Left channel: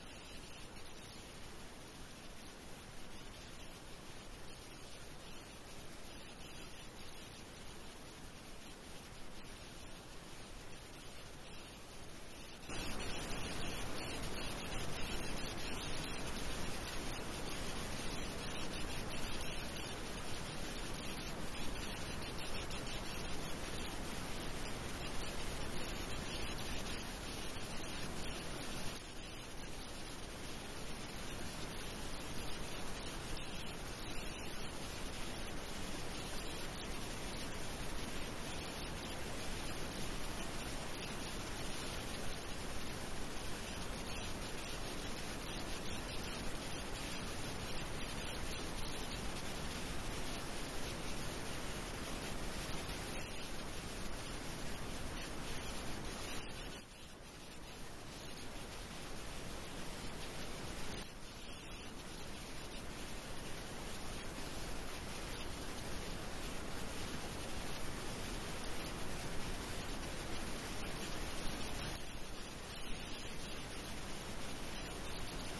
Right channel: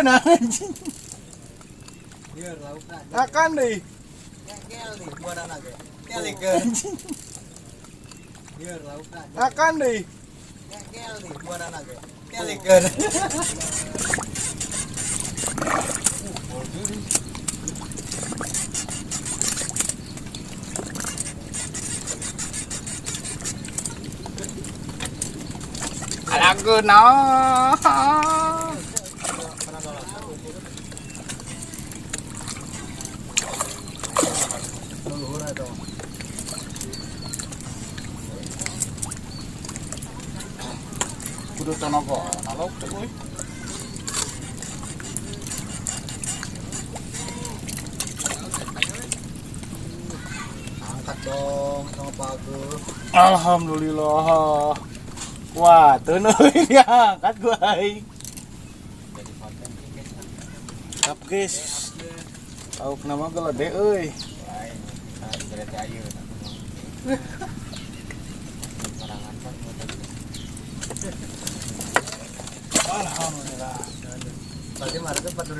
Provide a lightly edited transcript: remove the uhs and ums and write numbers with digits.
kena anjing. Biar laukna. Akan deh. Ngel nih buanan ge. Kelikeun. Biar laukna. Akan deh. Ngel nih buanan ge. Kelikeun. Alagu no. Kudu tenaga, nalok tuh euy. Angkat dong sama Pak Agus. Alhamdulillah. Wah, teu euy diangkat gua aing. Tap guys. Lauk nama gede euy. Alhamdulillah. Tadi marga 4.000